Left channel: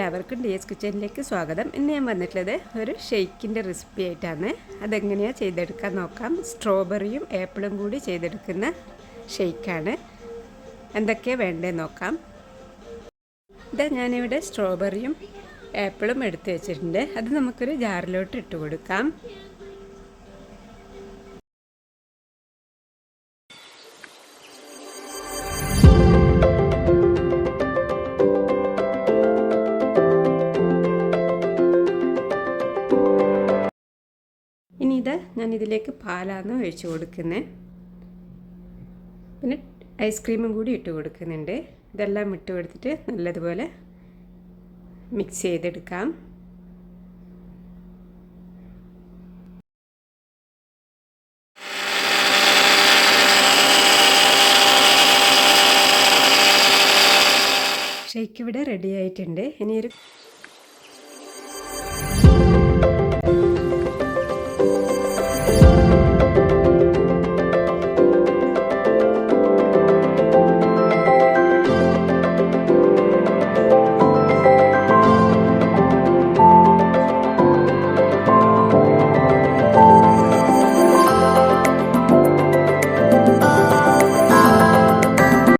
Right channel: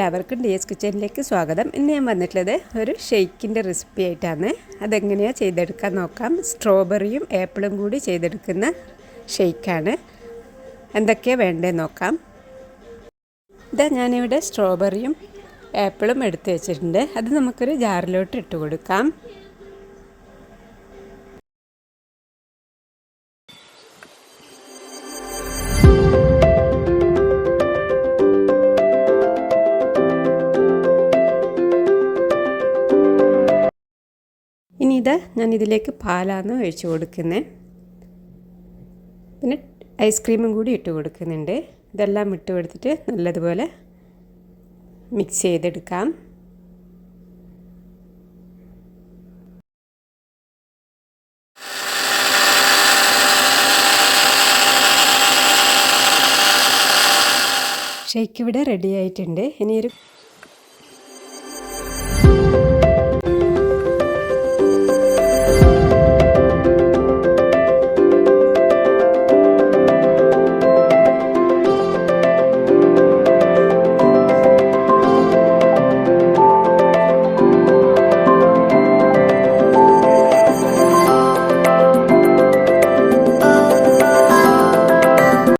എല്ലാവർക്കും DS കിച്ചണിലേക്ക് സ്വാഗതം. ഇന്ന് ഞാൻ വന്നിട്ടുള്ളത് ഒരു ഷെയ്ക്കിൻ്റെ റെസിപ്പി ആയിട്ടാണ്. അതെങ്ങനെയാണ് ചെയ്തെടുക്കാൻ നോക്കാം. സ്ട്രോബെറിയും ആപ്പിളും കൂടി ചെയ്തെടുക്കുന്ന ഷെയ്ക്കാണ്. എന്തൊക്കെയാണ് വേണ്ടതെന്ന് നോക്കാം. ഞാനിവിടെ സ്ട്രോബെറിയും ആപ്പിളും എടുത്ത് വെച്ചിട്ടുണ്ട്. അത് നമുക്കൊരു ജാറിലോട്ട് ഇട്ട് കൊടുക്കാം. ഇനി ഞാൻ ഇതിലേക്ക് പാലാണ് ഒഴിച്ച് കൊടുക്കുന്നത്. പിന്നെ ഐസ്ക്രീമും കൂടി ഇട്ട് കൊടുക്കുന്നുണ്ട്. ഇതെല്ലാം ഇട്ട് കൊടുത്തിട്ട് നല്ലതുപോലെ മിക്സ് ചെയ്തെടുക്കാം. ഷേക്ക് ഇവിടെ റെഡി ആയിട്ടുണ്ട്. ഇനി ഒരു